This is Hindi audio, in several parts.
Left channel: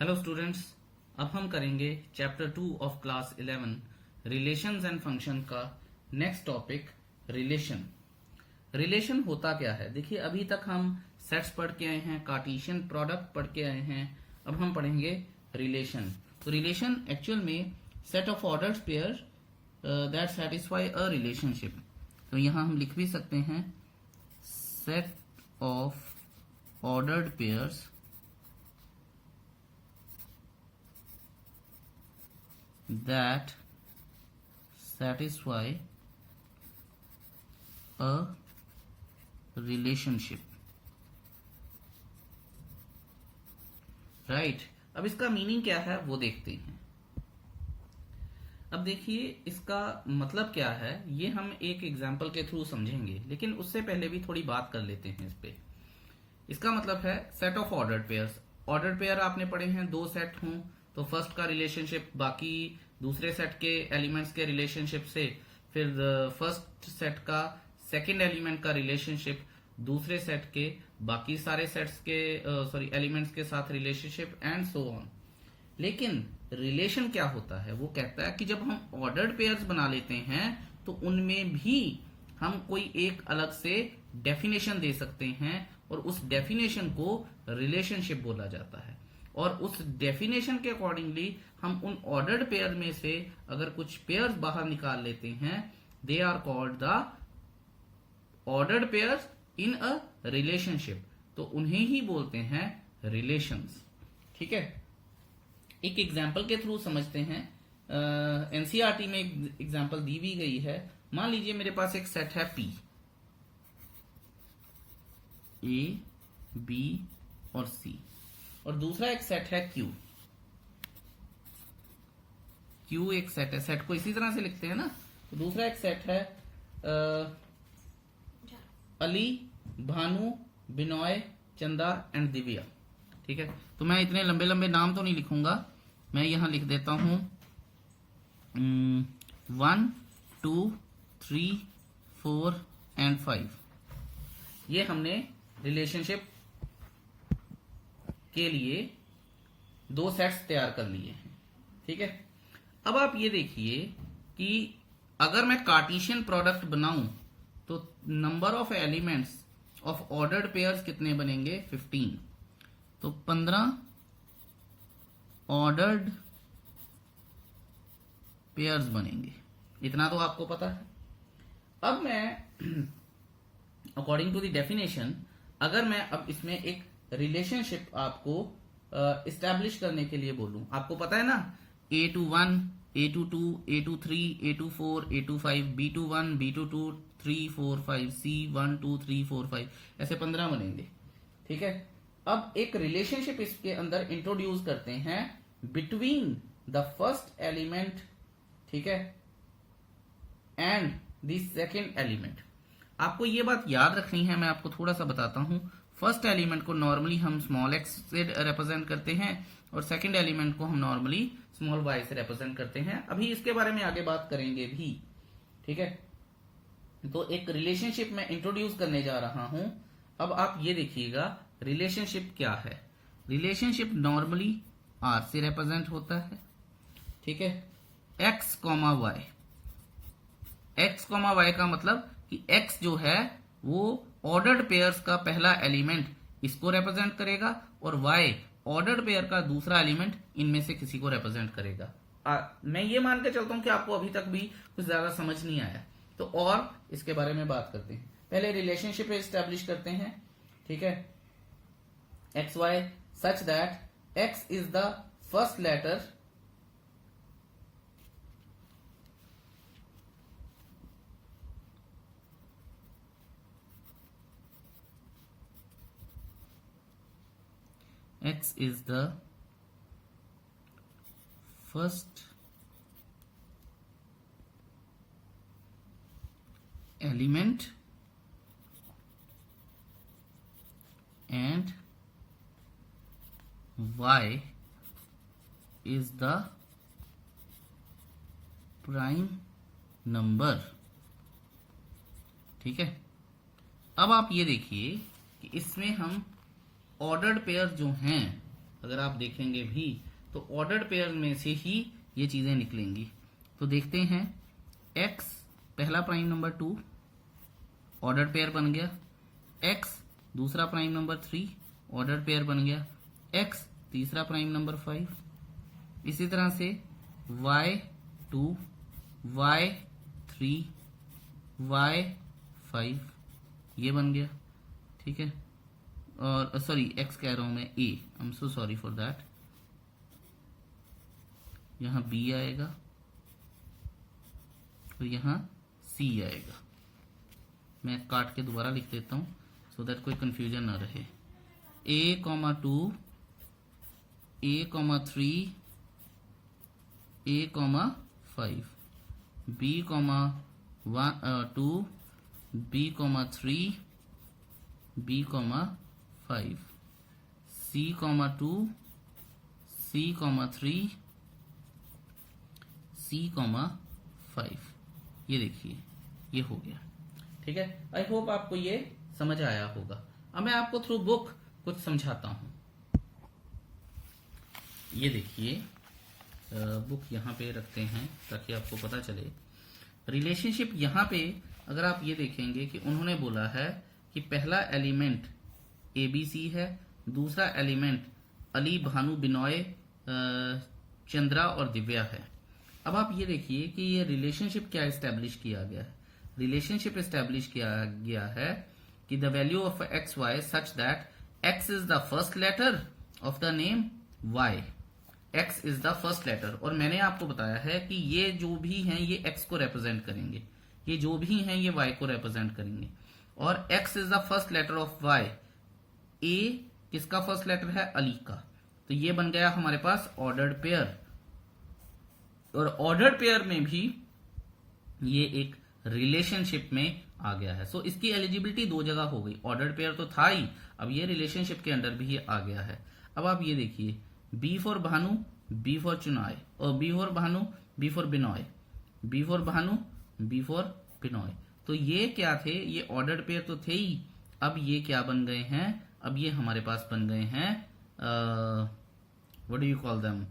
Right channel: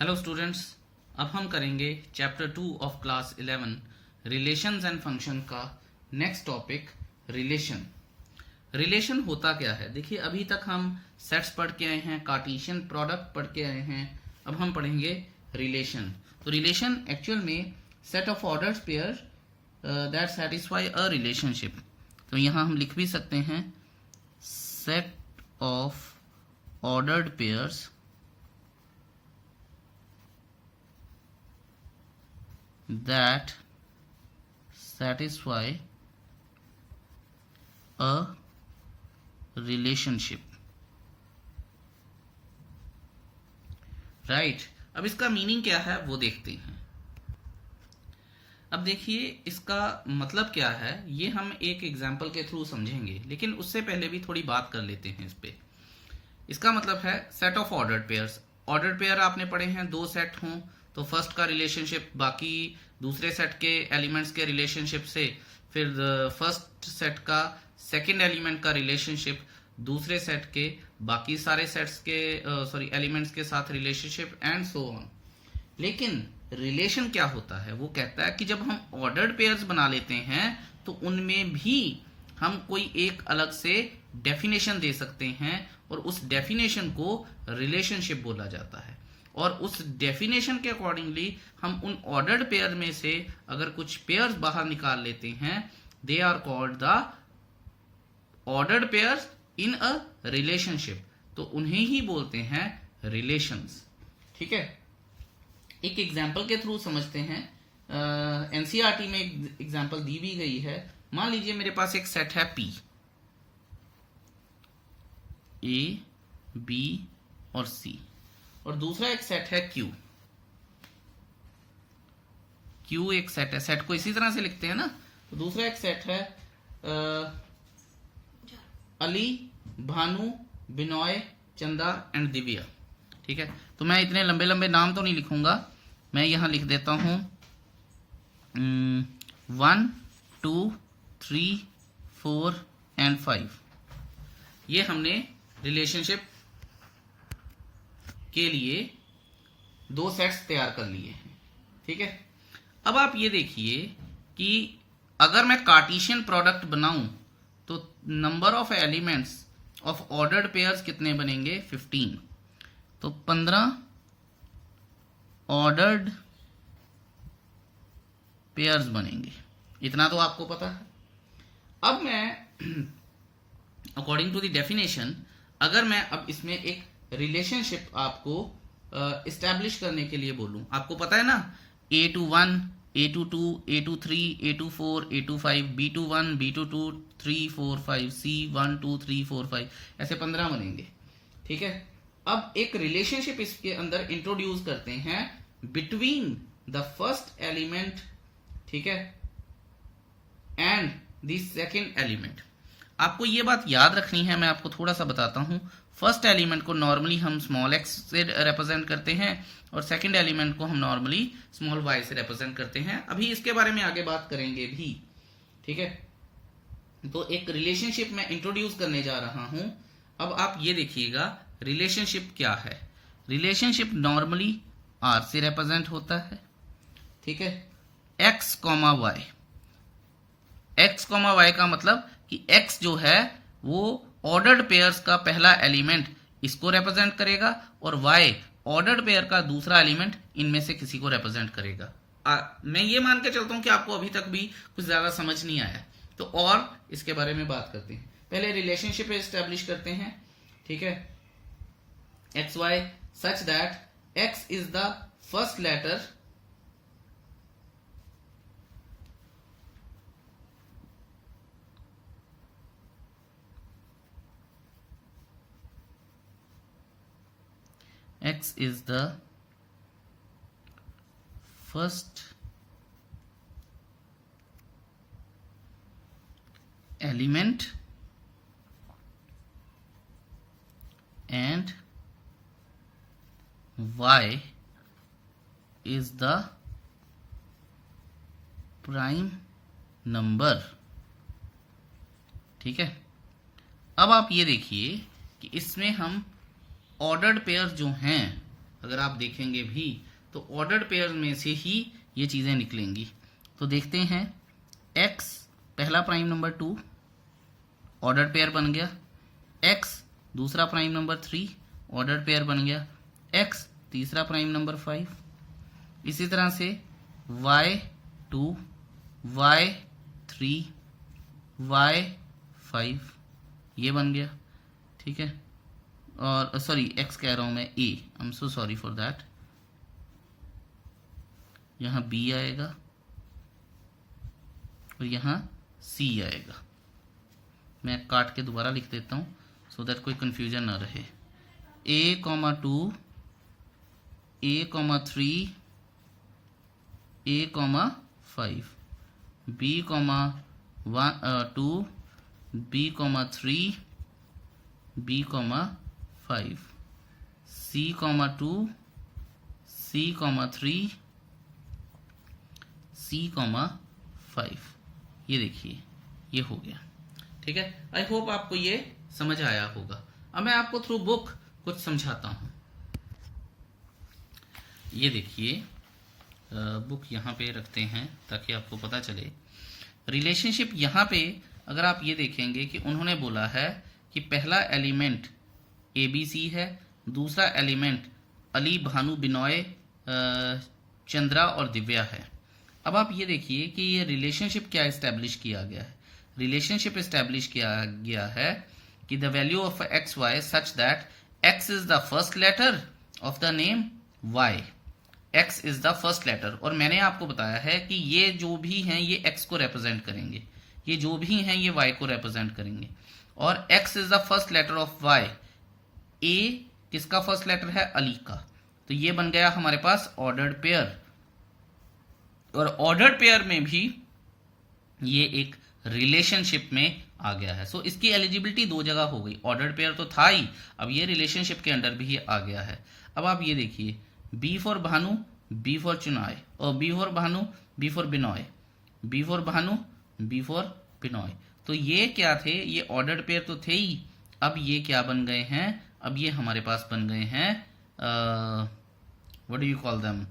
हेलो स्टूडेंट्स, अब हम करेंगे chapter 2 of class 11 relations and function का नेक्स्ट टॉपिक रिलेशन। रिलेशन होता क्या है? देखिए, अभी तक हम सेट्स पढ़ के आए हैं, कार्टेशियन प्रोडक्ट पढ़ के आए हैं। अब हम पढ़ेंगे रिलेशन। तो रिलेशन एक्चुअल में set of ordered pair that satisfy a relationship. तो यहाँ हम लिख भी सकते हैं set of ordered pairs that satisfy a relationship, right. अब इसका मीनिंग क्या है वो देखते हैं। अब देखिए, इसका मतलब क्या है ये हम एक एग्जाम्पल के थ्रू समझेंगे, लेकिन उससे पहले भी थोड़ी बात कर लेते हैं इस पे। इसका मतलब है set of ordered pairs. Ordered pair आपने पढ़े हैं, दो सेट हों तो फर्स्ट का रिलेशनशिप बाकी दूसरे सेट के एलिमेंट्स के रिलेशनशिप से, फिर फर्स्ट सेट का सेकंड एलिमेंट का रिलेशनशिप दूसरे सेट के बाकी सारे सेट्स के एलिमेंट्स के साथ रिलेशनशिप एंड सो ऑन। लेकिन रिलेशन क्या होता है? वो कहता है कि जब हम ऑर्डर्ड पेयर्स बना लेते हैं तो उनमें भी हम कोई एक अलग से डेफिनेशन दे सकते हैं और उस डेफिनेशन को रिलेशनशिप बोला जाता है। और उस डेफिनेशन के अकॉर्डिंगली हम उन ऑर्डर्ड पेयर में से अगर कुछ पेयर्स बाहर निकाल लेते हैं, they are called the ordered pairs in a relationship. तो उन्हें ही बोलते हैं रिलेशंस। ठीक है, एक एग्जाम्पल के थ्रू समझते हैं। एनसीईआरटी में एक एग्जाम्पल दी भी गई है। मान लीजिए मेरे पास एक सेट है पी, ए, बी और सी, और दूसरा एक सेट है क्यू। क्यू एक सेट है, सेट को इसी तरह से लिखते हैं ना। तो दूसरा एक सेट है अली, भानु, बिनॉय, चंदा एंड दिव्या। ठीक है, तो मैं इतने लंबे लंबे नाम तो नहीं लिखूंगा, मैं यहां लिख देता हूं 1 2 3 4 एंड 5। ये हमने रिलेशनशिप के लिए दो सेट्स तैयार कर लिए हैं। ठीक है, अब आप ये देखिए कि अगर मैं कार्टेशियन प्रोडक्ट बनाऊं तो number of elements of ordered pairs कितने बनेंगे? 15। तो 15 ऑर्डर्ड पेयर्स बनेंगे। इतना तो आपको पता है। अब मैं अकॉर्डिंग टू द डेफिनेशन, अगर मैं अब इसमें एक रिलेशनशिप आपको इस्टेब्लिश करने के लिए बोलूं, आपको पता है ना, A21, A22, A23, A24, A25, B21, B22, 3 4 5, C1 2 3 4 5, ऐसे 15 बनेंगे। ठीक है, अब एक रिलेशनशिप इसके अंदर इंट्रोड्यूस करते हैं बिटवीन द फर्स्ट एलिमेंट, ठीक है, एंड द सेकेंड एलिमेंट। आपको ये बात याद रखनी है, मैं आपको थोड़ा सा बताता हूं। फर्स्ट एलिमेंट को नॉर्मली हम स्मॉल एक्स से रिप्रेजेंट करते हैं और सेकंड एलिमेंट को हम नॉर्मली स्मॉल वाई से रिप्रेजेंट करते हैं। अभी इसके बारे में आगे बात करेंगे भी। ठीक है, तो एक रिलेशनशिप मैं इंट्रोड्यूस करने जा रहा हूं। अब आप ये देखिएगा रिलेशनशिप क्या है। रिलेशनशिप नॉर्मली आर से रिप्रेजेंट होता है। ठीक है, X comma Y. X comma Y का मतलब कि एक्स जो है वो ऑर्डर्ड पेयर्स का पहला एलिमेंट इसको रिप्रेजेंट करेगा और वाई ऑर्डर्ड पेयर का दूसरा एलिमेंट इनमें से किसी को रिप्रेजेंट करेगा। मैं ये मान के चलता हूं कि आपको अभी तक भी कुछ ज्यादा समझ नहीं आया, तो और इसके बारे में बात करते हैं। पहले रिलेशनशिप एस्टेब्लिश करते हैं। ठीक है, X Y such that X is the first letter X is the first element and Y is the prime number। ठीक है, अब आप ये देखिए कि इसमें हम ऑर्डर्ड पेयर जो हैं अगर आप देखेंगे भी तो ऑर्डर्ड पेयर में से ही ये चीज़ें निकलेंगी। तो देखते हैं, x पहला प्राइम नंबर 2 ऑर्डर्ड पेयर बन गया, x दूसरा प्राइम नंबर 3 ऑर्डर्ड पेयर बन गया, x तीसरा प्राइम नंबर 5, इसी तरह से y2 y3 y5 ये बन गया। ठीक है, और सॉरी x कह रहा हूं मैं, a, I am so sorry for that, यहाँ b आएगा और यहाँ c आएगा। मैं काट के दोबारा लिख देता हूँ सो दैट कोई कंफ्यूजन ना रहे। a,2 a,3 a,5 b,2 b,3 b,5 c,2 c,3 c,5 ये देखिए ये हो गया। ठीक है, आई होप आपको ये समझ आया होगा। अब मैं आपको थ्रू बुक कुछ समझाता हूं। ये देखिए, बुक यहाँ पे रखते हैं ताकि आपको पता चले। रिलेशनशिप यहाँ पे अगर आप ये देखेंगे कि उन्होंने बोला है कि पहला एलिमेंट ABC है, दूसरा एलिमेंट अली, भानु, बिनॉय, चंद्रा और दिव्या है। अब आप ये देखिए कि ये रिलेशनशिप क्या इस्टेब्लिश किया गया है। रिलेशनशिप इस्टेब्लिश किया गया है कि the value of X Y such that X is the first letter of the name Y, X is the first letter. और मैंने आपको बताया है कि ये जो भी हैं ये एक्स को रिप्रेजेंट करेंगे, ये जो भी हैं ये वाई को रिप्रेजेंट करेंगे। और X is the first letter of Y, A किसका फर्स्ट लेटर है, अली का। तो ये बन गया हमारे पास ऑर्डर्ड पेयर। और ऑर्डर्ड पेयर में भी ये एक रिलेशनशिप में आ गया है। सो इसकी एलिजिबिलिटी दो जगह हो गई, ऑर्डर्ड पेयर तो था ही, अब ये रिलेशनशिप के अंडर भी आ गया है। अब आप ये देखिए, B for Bhanu, B for चुनाय, और B for Bhanu, B for Binoy, B for Bhanu, B for Binoy. तो ये क्या थे, ये ऑर्डर्ड पेयर तो थे ही। अब ये क्या बन गए हैं, अब ये हमारे पास बन गए हैं what do you call them,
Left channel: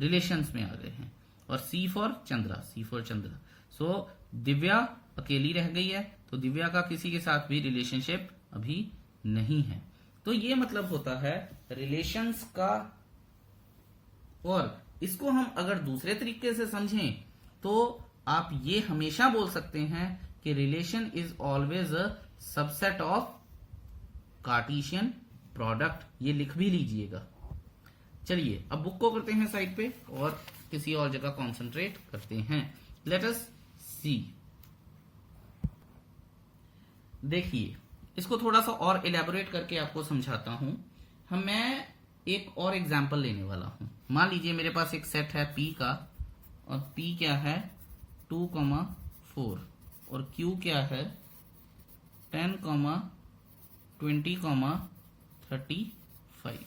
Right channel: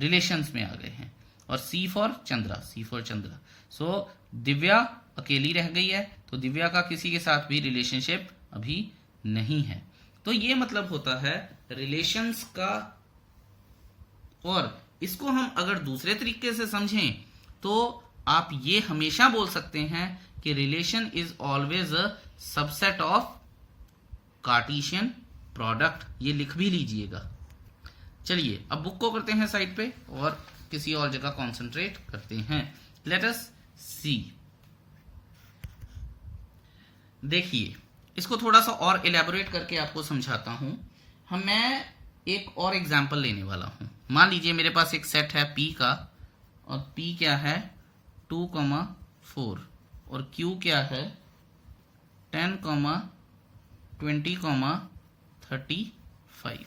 relations में आ गए हैं। और C for Chandra, C for Chandra. So Divya अकेली रह गई है, तो दिव्या का किसी के साथ भी रिलेशनशिप अभी नहीं है। तो ये मतलब होता है रिलेशंस का। और इसको हम अगर दूसरे तरीके से समझें तो आप ये हमेशा बोल सकते हैं कि relation is always a subset of Cartesian product. ये लिख भी लीजिएगा। चलिए अब बुक को करते हैं साइड पे और किसी और जगह कंसंट्रेट करते हैं। लेट अस सी। देखिए, इसको थोड़ा सा और इलेबोरेट करके आपको समझाता हूं। मैं एक और एग्जांपल लेने वाला हूं। मान लीजिए मेरे पास एक सेट है P का, और P क्या है 2,4 और Q क्या है 10, 20, 35।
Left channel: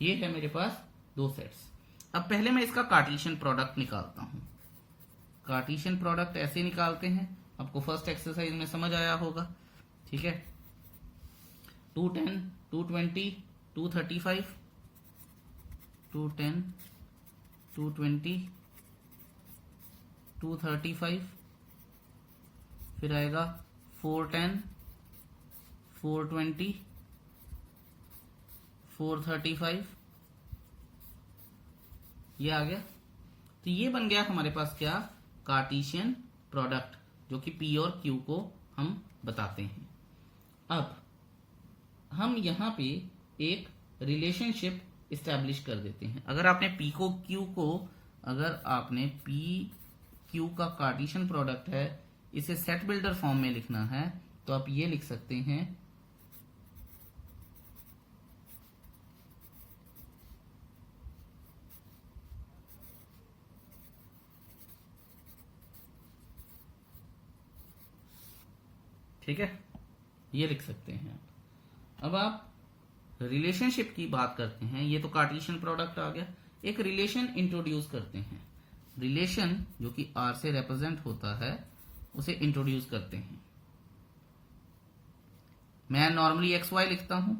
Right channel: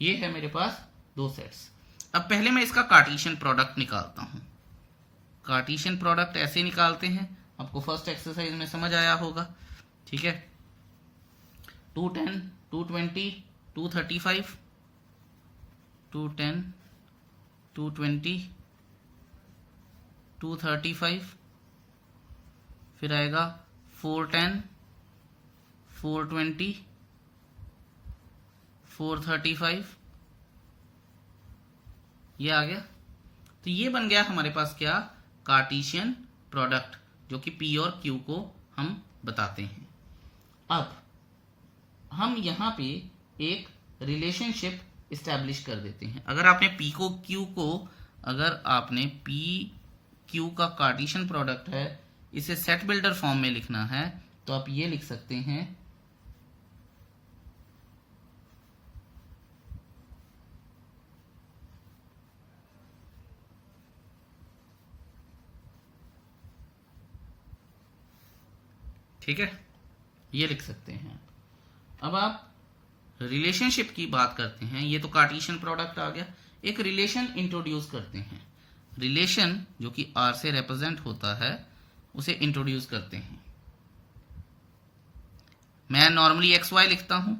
ये है मेरे पास दो सेट्स। अब पहले मैं इसका कार्टेशियन प्रोडक्ट निकालता हूं। कार्टेशियन प्रोडक्ट ऐसे निकालते हैं, आपको फर्स्ट एक्सरसाइज में समझ आया होगा। ठीक है, 210, 220, 235, 210, 220, 235, फिर आएगा 410, 420, 435, ये आ गया। तो ये बन गया हमारे पास क्या, कार्टेशियन प्रोडक्ट, जो कि P और Q को हम बताते हैं। अब हम यहाँ पे एक रिलेशनशिप इस्टेब्लिश कर देते हैं। अगर आपने P को Q को, अगर आपने P Q का कार्टेशियन प्रोडक्ट है, इसे सेट बिल्डर फॉर्म में लिखना है, तो आप ये लिख सकते हैं ठीक है, ये लिख सकते हैं। अब आप रिलेशनशिप की बात करते हैं, ये तो कार्टेशियन प्रोडक्ट आ गया। एक रिलेशन इंट्रोड्यूस करते हैं। रिलेशन जो कि R से रिप्रेजेंट होता है उसे इंट्रोड्यूस करते हैं। मैं नॉर्मली XY लिखता हूं,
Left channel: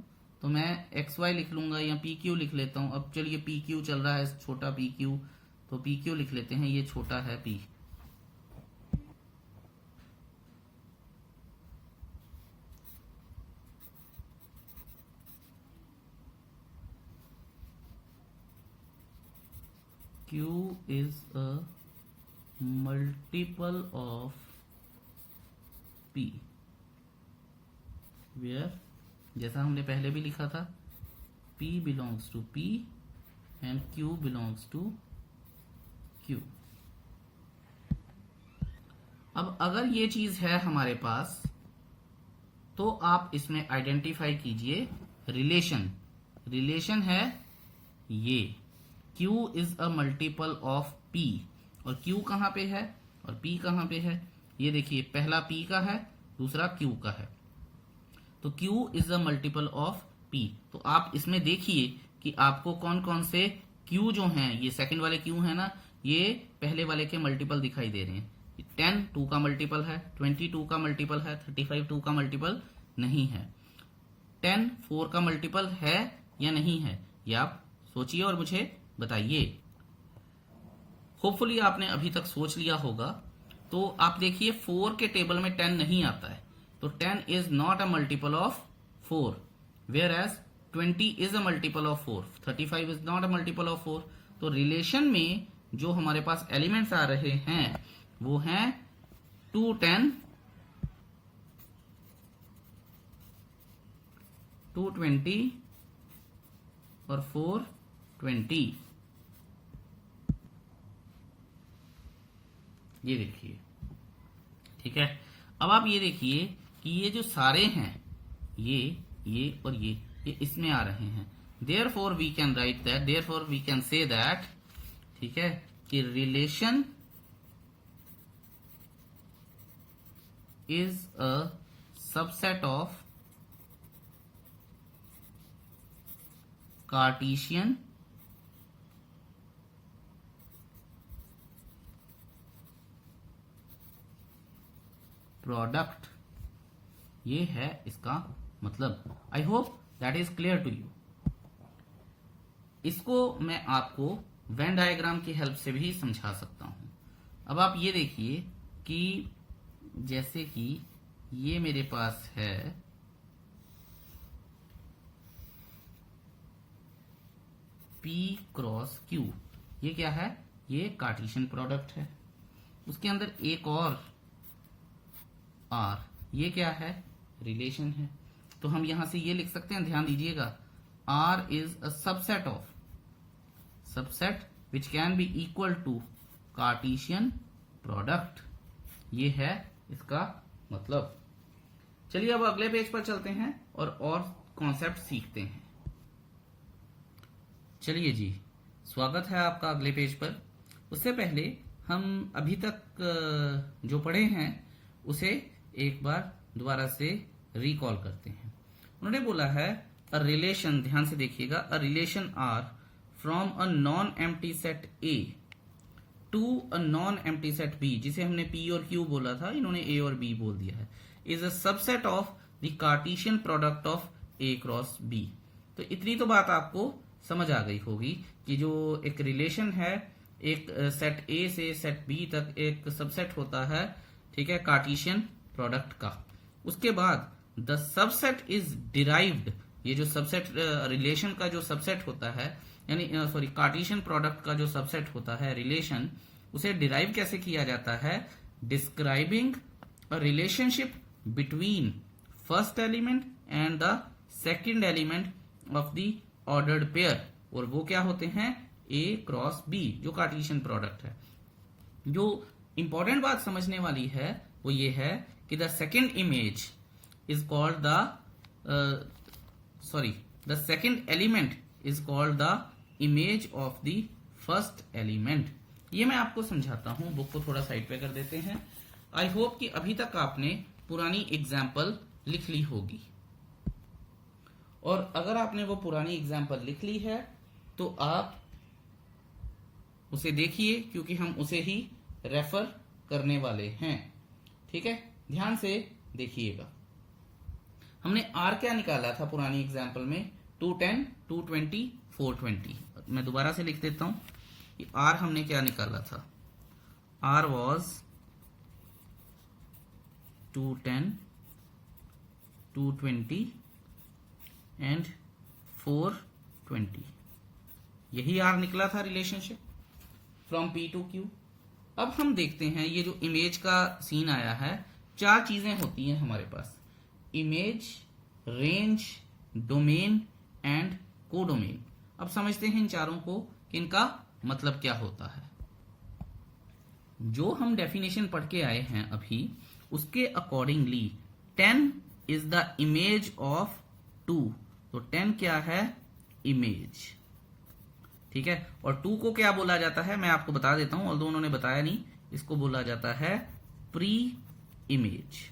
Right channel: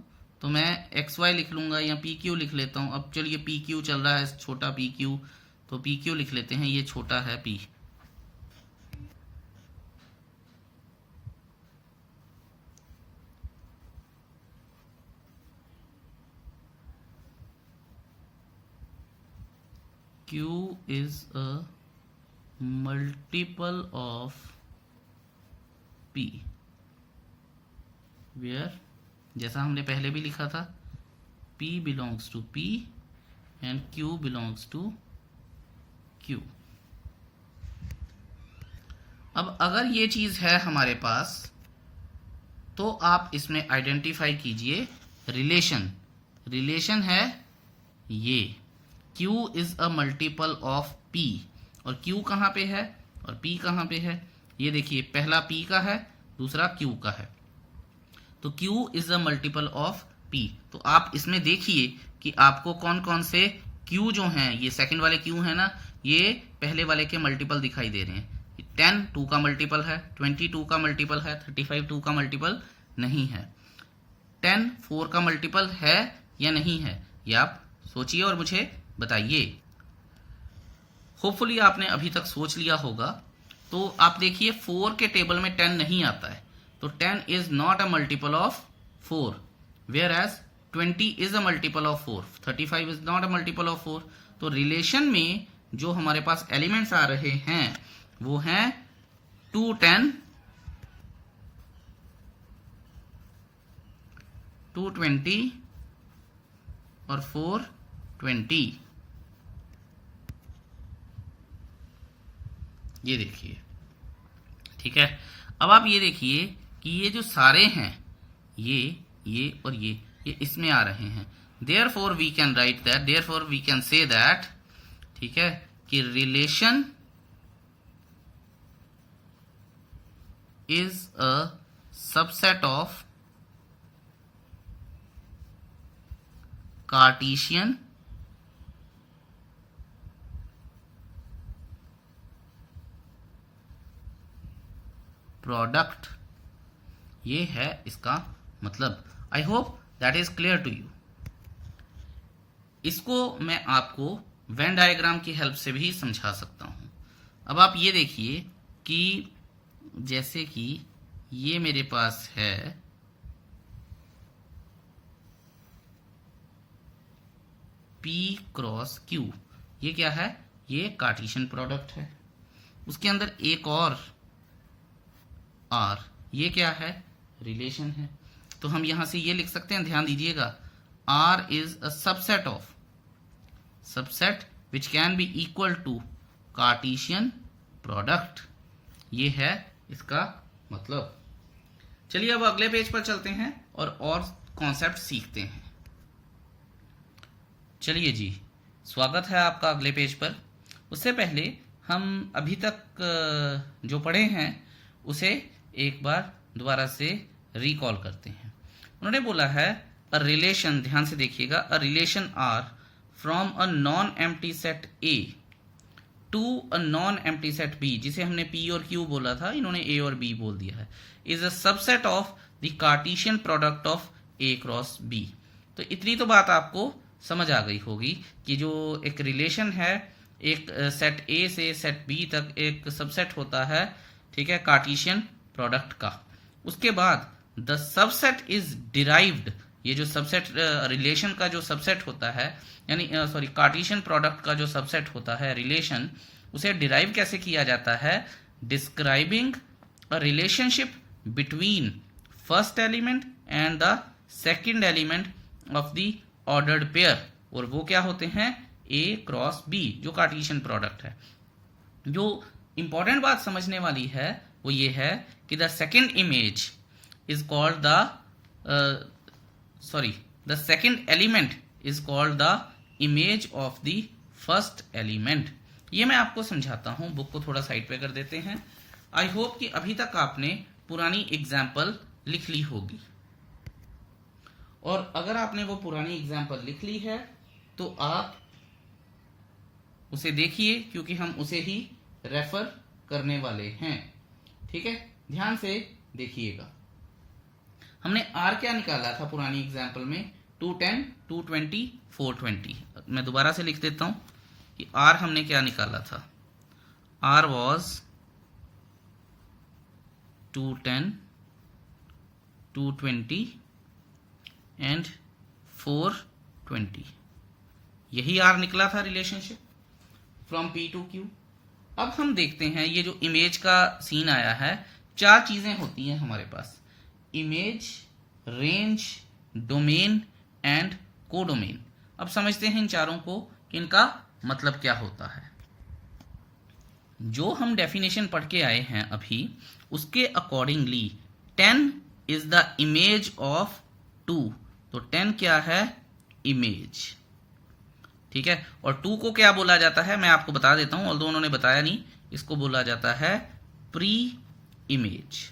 तो मैं एक्स वाई लिख लूंगा या पी क्यू लिख लेता हूं। अब चलिए पी क्यू चल रहा है, छोटा पी क्यू, तो पी क्यू लिख लेते हैं, ये छोटा है P. Q is a multiple of P where, जैसा हमने पहले भी लिखा था, P belongs to P and Q belongs to Q। अब अगर ये चीज है हमारे पास तो आप इसमें आइडेंटिफाई कीजिए रिलेशन। रिलेशन है ये Q is a multiple of P, और Q कहाँ पे है और P कहाँ पे है, ये देखिए, पहला P का है, दूसरा Q का है, तो Q is a multiple of P। तो आप इसमें देखिए कि आपको कौन कौन से Q जो हैं, ये सेकंड वाले Q है ना, ये पहले वाले के मल्टीपल दिखाई दे रहे हैं। 10 2 का मल्टीपल है, 20 2 का मल्टीपल है, 35 2 का मल्टीपल नहीं है, 10 4 का मल्टीपल है या नहीं है, ये आप सोचिए और मुझे बताइए। होपफुली आपने अभी तक सोच लिया होगा। तो आप देखिए 4 के टेबल में 10 नहीं आता है, तो 10 is not a multiple of 4, whereas 20 is a multiple of 4, 35 is not a multiple of 4। तो रिलेशन में जो हमारे पास एलिमेंट्स आ रहे हैं वो हैं 2 10, 2 20 और 4 20। ये देखिए, ठीक है। अब आप ये देखिए कि ये जो सारे हैं, ये और ये इसमें आ रहे हैं। Therefore we can write that, therefore we can say that, ठीक है, कि relation is a subset of Cartesian product. ये है इसका मतलब। I hope that is clear to you. इसको मैं आपको वेन डायग्राम की हेल्प से भी समझा सकता हूं। अब आप ये देखिए कि जैसे कि ये मेरे पास है P क्रॉस Q, ये क्या है, ये कार्टेशियन प्रोडक्ट है। उसके अंदर एक और R, ये क्या है, रिलेशन है। तो हम यहां से ये लिख सकते हैं, ध्यान दीजिएगा, R is a subset of, subset which can be equal to Cartesian product. ये है इसका मतलब। चलिए अब अगले पेज पर चलते हैं और कॉन्सेप्ट सीखते हैं। चलिए जी, स्वागत है आपका अगले पेज पर। उससे पहले हम अभी तक जो पढ़े हैं उसे एक बार दोबारा से रिकॉल करते हैं। उन्होंने बोला है अ रिलेशन, ध्यान से देखिएगा, a relation R from a non empty set A to a non empty set B, जिसे हमने P और Q बोला था, इन्होंने A और B बोल दिया है, is a subset of the Cartesian product of A cross B। तो इतनी तो बात आपको समझ आ गई होगी कि जो एक रिलेशन है, एक सेट A से सेट B तक एक सबसेट होता है, ठीक है, कार्टेशियन प्रोडक्ट का। उसके बाद द सबसेट इज डिराइव्ड, ये जो सबसेट रिलेशन का जो सबसेट होता है, यानी सॉरी कार्टेशियन प्रोडक्ट का जो सबसेट होता है रिलेशन, उसे डिराइव कैसे किया जाता है, describing a relationship between first element and the second element of the ordered pair, और वो क्या होते हैं, A क्रॉस B, जो कार्टेशियन प्रोडक्ट है। जो इंपॉर्टेंट बात समझने वाली है वो ये है कि the second image is called the the second element is called the image of the first element. ये मैं आपको समझाता हूं, बुक को थोड़ा साइड पे कर देते हैं। आई होप कि अभी तक आपने पुरानी एग्जाम्पल लिख ली होगी, और अगर आपने वो पुरानी एग्जाम्पल लिख ली है तो आप उसे देखिए, क्योंकि हम उसे ही रेफर करने वाले हैं, ठीक है। ध्यान से देखिएगा। हमने आर क्या निकाला था पुरानी एग्जाम्पल में, 210, 220, 420। मैं दोबारा से लिख देता हूं कि आर हमने क्या निकाला था, आर वॉज 210, 220 एंड 420, यही आर निकला था relationship from P to Q. अब हम देखते हैं ये जो इमेज का सीन आया है, 4 चीजें होती हैं हमारे पास, image, range, domain and codomain. अब समझते हैं इन चारों को कि इनका मतलब क्या होता है। जो हम डेफिनेशन पढ़ के आए हैं अभी, उसके accordingly 10 is the image of 2, तो 10 क्या है, इमेज, ठीक है। और 2 को क्या बोला जाता है, मैं आपको बता देता हूं, ऑल्दो उन्होंने बताया नहीं, इसको बोला जाता है प्री इमेज,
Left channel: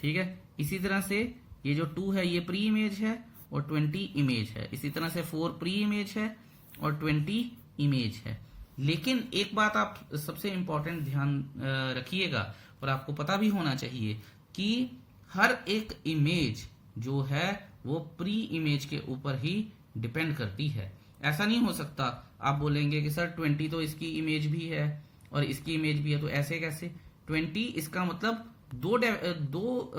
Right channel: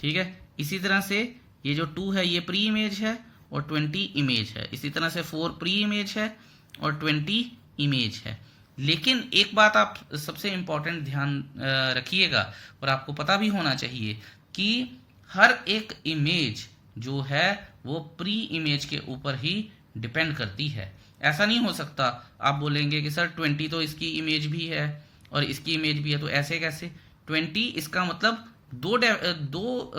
ठीक है। इसी तरह से ये जो 2 है ये प्री इमेज है और 20 इमेज है। इसी तरह से 4 प्री इमेज है और 20 इमेज है। लेकिन एक बात आप सबसे इंपॉर्टेंट ध्यान रखिएगा और आपको पता भी होना चाहिए कि हर एक इमेज जो है वो प्री इमेज के ऊपर ही डिपेंड करती है। ऐसा नहीं हो सकता आप बोलेंगे कि सर 20 तो इसकी इमेज भी है और इसकी इमेज भी है, तो ऐसे कैसे। 20 इसका मतलब दो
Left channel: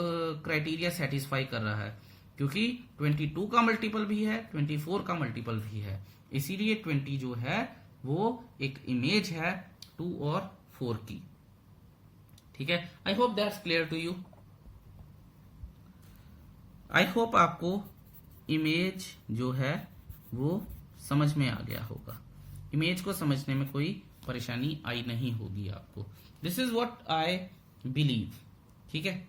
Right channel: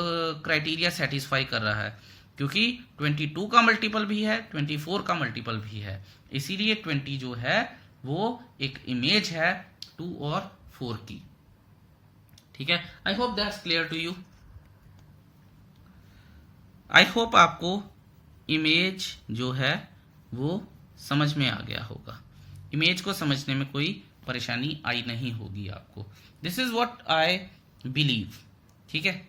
क्राइटेरिया सेटिस्फाई कर रहा है, क्योंकि 22 का मल्टीपल भी है, 24 का मल्टीपल भी है, इसीलिए 20 जो है वो एक इमेज है 2 और 4 की, ठीक है। I hope that's clear to you. I hope आपको इमेज जो है वो समझ में आ गया होगा। इमेज को समझने में कोई परेशानी आई नहीं होगी आपको। This is what I believe, ठीक है।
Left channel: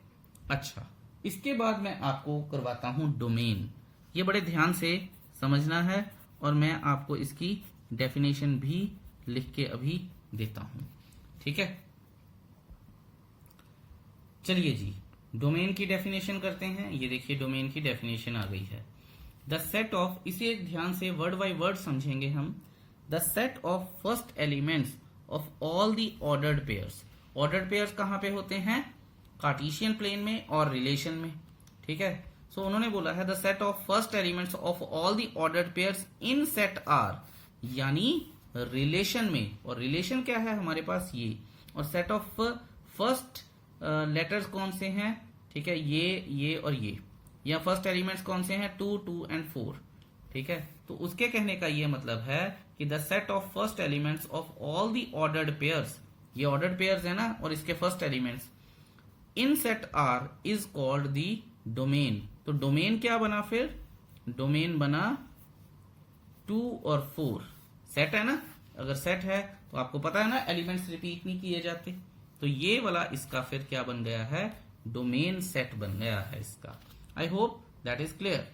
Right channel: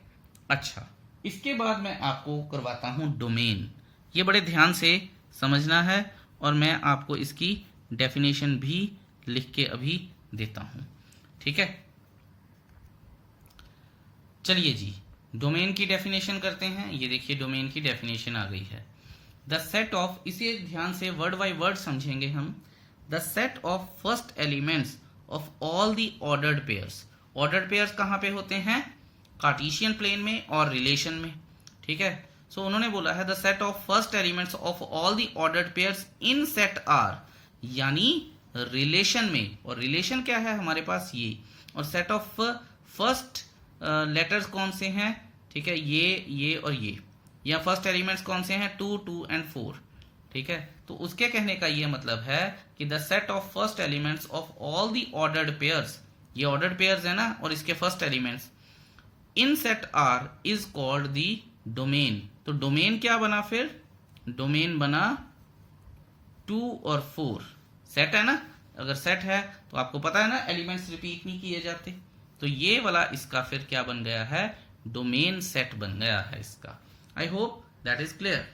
अच्छा, इसके बाद मैं आपको करवाता हूं डोमेन। ये बड़े ध्यान से समझना है और मैं आपको इसकी डेफिनेशन भी लिख के अभी देता हूं, ठीक है। चलिए जी, डोमेन की डेफिनेशन करते हैं। ये देखिए डोमेन की डेफिनेशन आ गई है। द सेट ऑफ, इसे ध्यान से वर्ड बाय वर्ड समझेंगे हम। The set of first elements of all the ordered pairs. Ordered pairs कहां पे होते हैं, कार्टेशियन प्लेन में और रिलेशन में, ठीक है। सो उन्होंने बोला है the set of first elements of all the ordered pairs in set R, यानी रिलेशन में। और रिलेशन क्या है हमारे पास, ये। और सेट ऑफ फर्स्ट लेटर्स कौन से हैं, ठीक है, ये और ये। या फर्स्ट एलिमेंट्स कौन से हैं, 2, 2 एंड 4, ठीक है। तो उसके कहने का ये मतलब है कि the set of first elements of all the ordered pairs, ये ऑर्डर्ड पेयर्स है ना, और इसके first elements in set R is called the domain. तो डोमेन क्या बना फिर, डोमेन बना 2 और 4। सेट है ना, अगर सेट है तो आपको पता है ना एलिमेंट्स रिपीट नहीं किए जाते, तो ये वाला इसका फिर क्या बन गया है, डोमेन सेट बन गया है इसका। आई होप दैट इज क्लियर।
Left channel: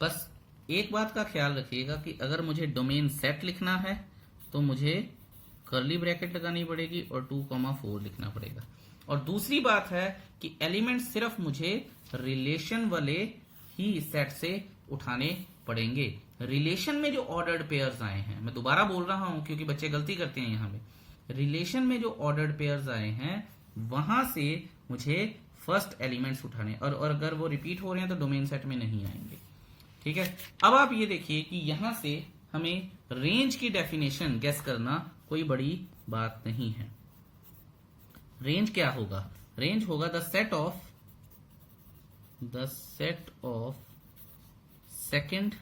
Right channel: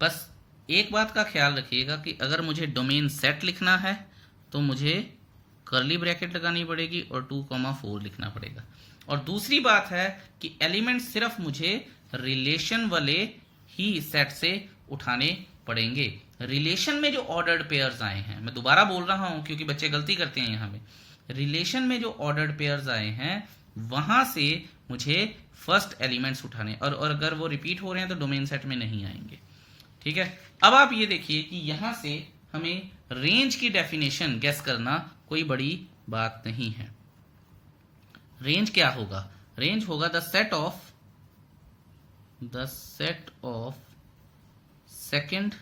बस एक बात का ख्याल रखिएगा कि अगर मुझे डोमेन सेट लिखना है तो मुझे कर्ली ब्रैकेट लगानी पड़ेगी और 2,4 लिखना पड़ेगा। और दूसरी बात है कि एलिमेंट सिर्फ मुझे रिलेशन वाले ही सेट से उठाने पड़ेंगे। रिलेशन में जो ऑर्डर्ड पेयर्स आए हैं, मैं दोबारा बोल रहा हूं क्योंकि बच्चे गलती करते हैं यहाँ पे, रिलेशन में जो ऑर्डर्ड पेयर्स आए हैं वहां से मुझे फर्स्ट एलिमेंट्स उठाने, और अगर वो रिपीट हो रहे हैं तो डोमेन सेट में नहीं आएंगे, ठीक है। अब आप ये देखिए कि यहां से हमें रेंज की डेफिनेशन गेस करना कोई बड़ी बात नहीं है। रेंज क्या होगा, रेंज होगा the set of second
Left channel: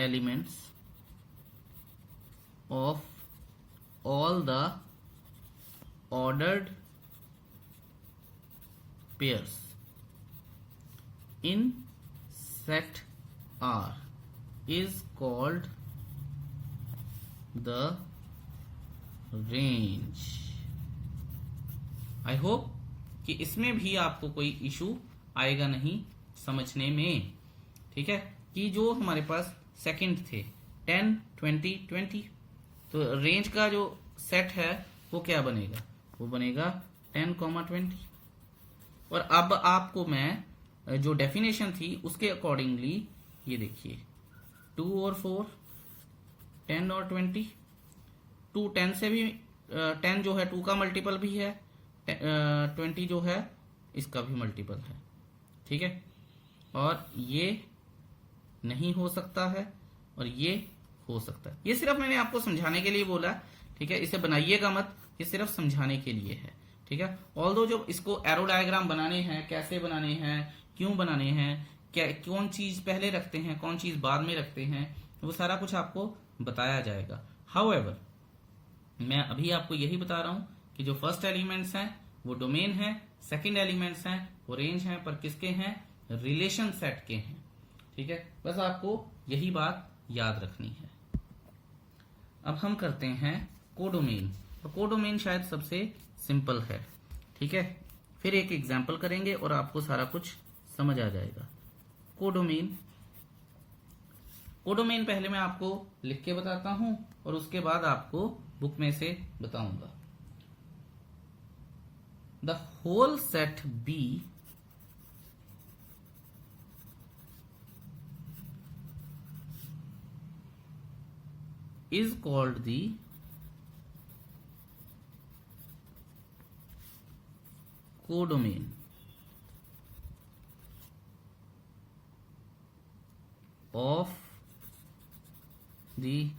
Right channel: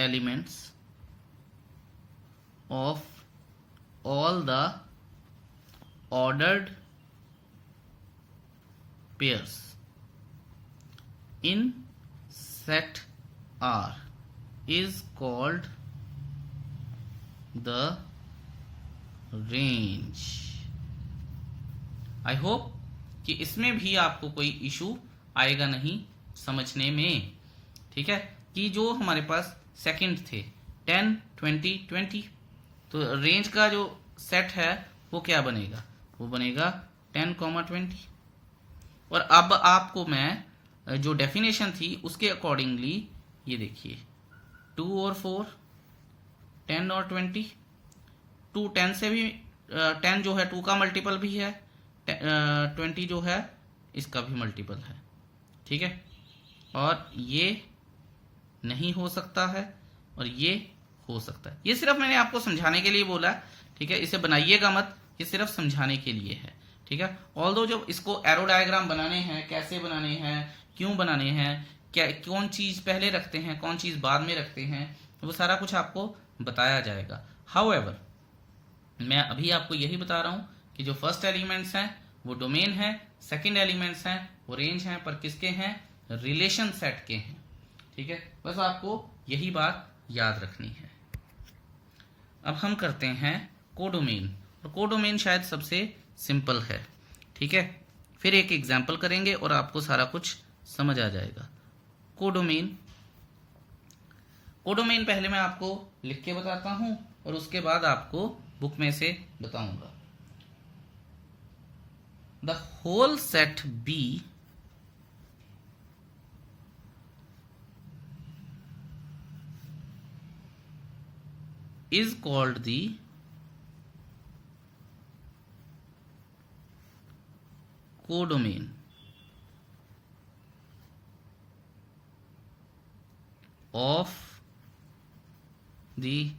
elements of all the ordered pairs in set R is called the range. I hope कि इसमें भी आपको कोई इशू आएगा नहीं समझने में, ठीक है। कि जो हमारे पास सेकंड थे 10, 20, 20, तो रेंज का जो सेट है वो क्या बनेगा, वो बनेगा 10, 20। और अब आपको मैं जो डेफिनेशन थी उसके अकॉर्डिंगली ये देखिए 2 और 4, 10 और 20, 2 10 से भी 10 जो है 2 का मल्टीपल भी है, 20 जो है इसका भी मल्टीपल है, ठीक है। और ये नहीं हो सकता है और ये हो सकता है। ये सिर्फ मैंने आपको समझाने के लिए बोला, ठीक है, इसे बनाइएगा मत, ये सिर्फ समझाने के लिए है, ठीक है। ऑल्दो जब इसको एरो डायग्राम बनाने हैं, कैसे बनाने हैं, क्यों बनाने हैं, क्या कौन चीज पहले रखते हैं, कौन चीज बाद में रखते हैं, वो सारा कुछ आपको बताया जाएगा। हाउएवर मैं अभी आपको यही बता रहा हूं कि जो फर्स्ट एलिमेंट्स हैं वो डोमेन है, सेकंड एलिमेंट्स हैं वो रेंज हैं, पर किसके हैं, रिलेशन सेट के हैं, ठीक है। बस आपको यही बात याद रखनी है। अब हम करते हैं कोडोमेन, और कोडोमेन शायद सबसे सिंपल है, ठीक है। फिर एक एग्जाम्पल करेंगे और आपको सारा कुछ समझ आ जाएगा। कोडोमेन पहले मैं आपको लिख के बताता हूं और उसके बाद आपको बुक में से बताऊंगा। The whole set B is called the codomain of the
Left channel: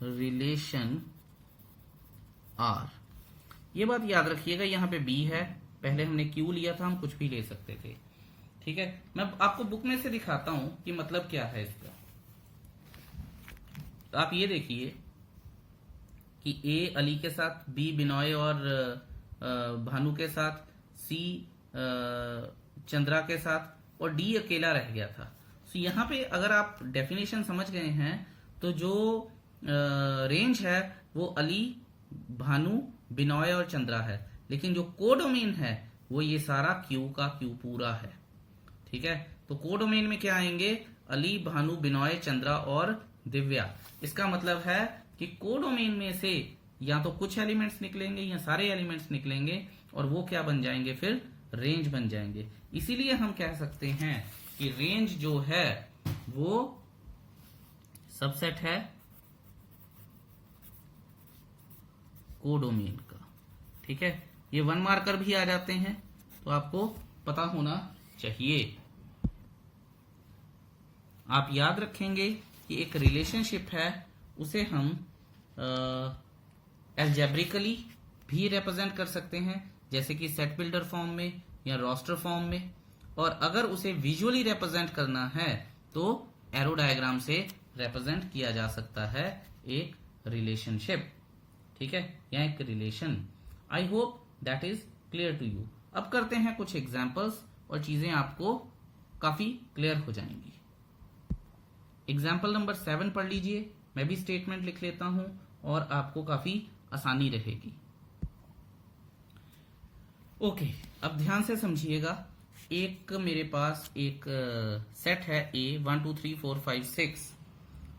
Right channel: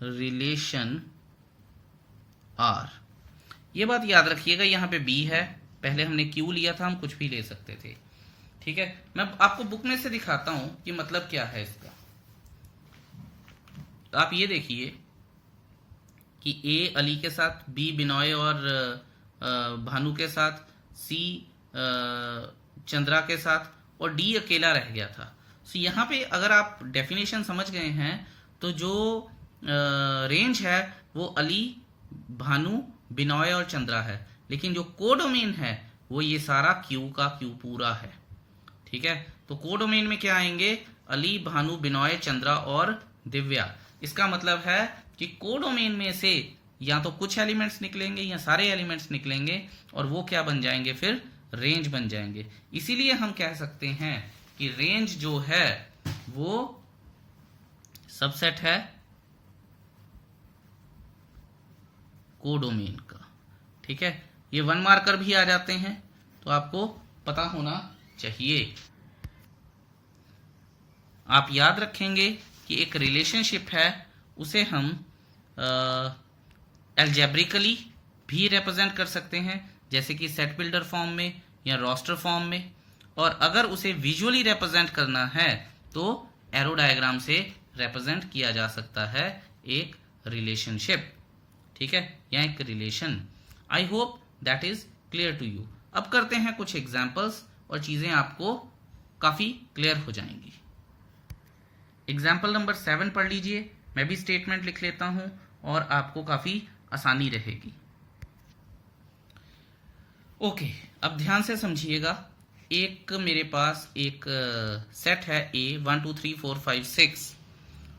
relation R। ये बात याद रखिएगा, यहां पे B है, पहले हमने Q लिया था, हम कुछ भी ले सकते थे, ठीक है। मैं आपको बुक में से दिखाता हूं कि मतलब क्या है इसका। तो आप ये देखिए कि ए अली के साथ, बी बिनॉय और भानु के साथ, सी चंद्रा के साथ और डी अकेला रह गया था। तो यहाँ पे अगर आप डेफिनेशन समझ गए हैं तो जो रेंज है वो अली, भानु, बिनॉय और चंद्रा है, लेकिन जो कोडोमेन है वो ये सारा क्यू का क्यू पूरा है, ठीक है। तो कोडोमेन में क्या आएंगे, अली, भानु, बिनॉय, चंद्रा और दिव्या। इसका मतलब है कि कोडोमेन में से या तो कुछ एलिमेंट्स निकलेंगे या सारे एलिमेंट्स निकलेंगे और वो क्या बन जाएंगे, फिर रेंज बन जाएंगे। इसीलिए हम कह सकते हैं कि रेंज जो है वो सबसेट है कोडोमेन का, ठीक है। ये 1 मार्कर भी आ जाते हैं तो आपको पता होना चाहिए। आप याद रखेंगे कि एक रिलेशनशिप है उसे हम एल्जेब्रिकली भी रिप्रेजेंट कर सकते हैं, जैसे कि सेट बिल्डर फॉर्म में या रोस्टर फॉर्म में, और अगर उसे विजुअली रिप्रेजेंट करना है तो एरो डायग्राम से रिप्रेजेंट किया जा सकता है एक रिलेशनशिप, ठीक है, या एक relation. I hope that is clear to you. अब करते हैं कुछ एग्जाम्पल्स और चीजें आपको काफी क्लियर हो जाएंगी। एग्जाम्पल नंबर 7 पढ़ लीजिए, मैं भी स्टेटमेंट लिख लेता हूं और आपको काफी आसानी रहेगी। ओके, अब ध्यान से समझिएगा। एक मेरे पास एक सेट है ए 1 2 3 4 5 6,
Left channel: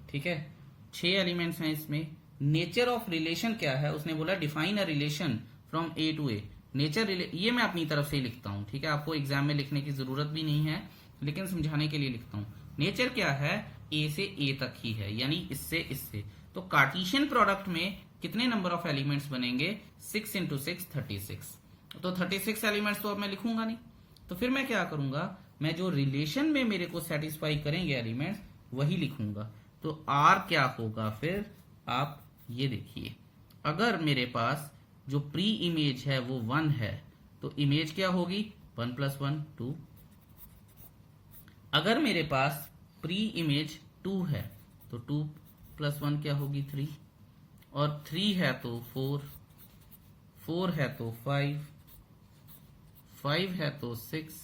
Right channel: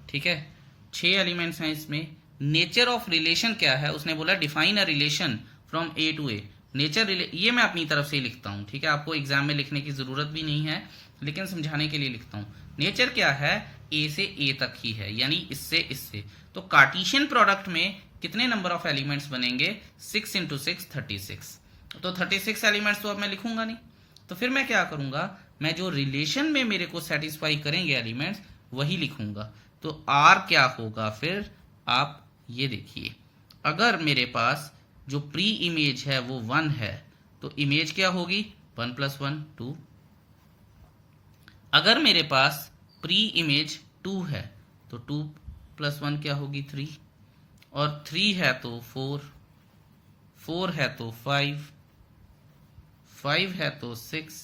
ठीक है, 6 एलिमेंट्स हैं इसमें। नेचर ऑफ रिलेशन क्या है, उसने बोला define a relation from A to A. Nature ये मैं अपनी तरफ से ही लिखता हूं, ठीक है, आपको एग्जाम में लिखने की जरूरत भी नहीं है, लेकिन समझाने के लिए लिखता हूं। नेचर क्या है, ए से ए तक ही है, यानी इससे इससे। तो कार्टेशियन प्रोडक्ट में कितने नंबर ऑफ एलिमेंट्स बनेंगे, 6 × 6 36। तो 36 एलिमेंट्स तो अब मैं लिखूंगा नहीं, तो फिर मैं क्या करूंगा, मैं जो रिलेशन में मेरे को सेटिस्फाई करेंगे एलिमेंट्स वही लिखूंगा। तो आर क्या होगा फिर, आप ये देखिए, अगर मेरे पास जो प्री इमेज है वो 1 है तो इमेज क्या होगी, 1 + 1 2। अगर मेरे पास प्री इमेज 2 है तो 2 + 1 क्या होगी, 3, और 3 है तो 4, 4 है तो 5, 5 है तो 6,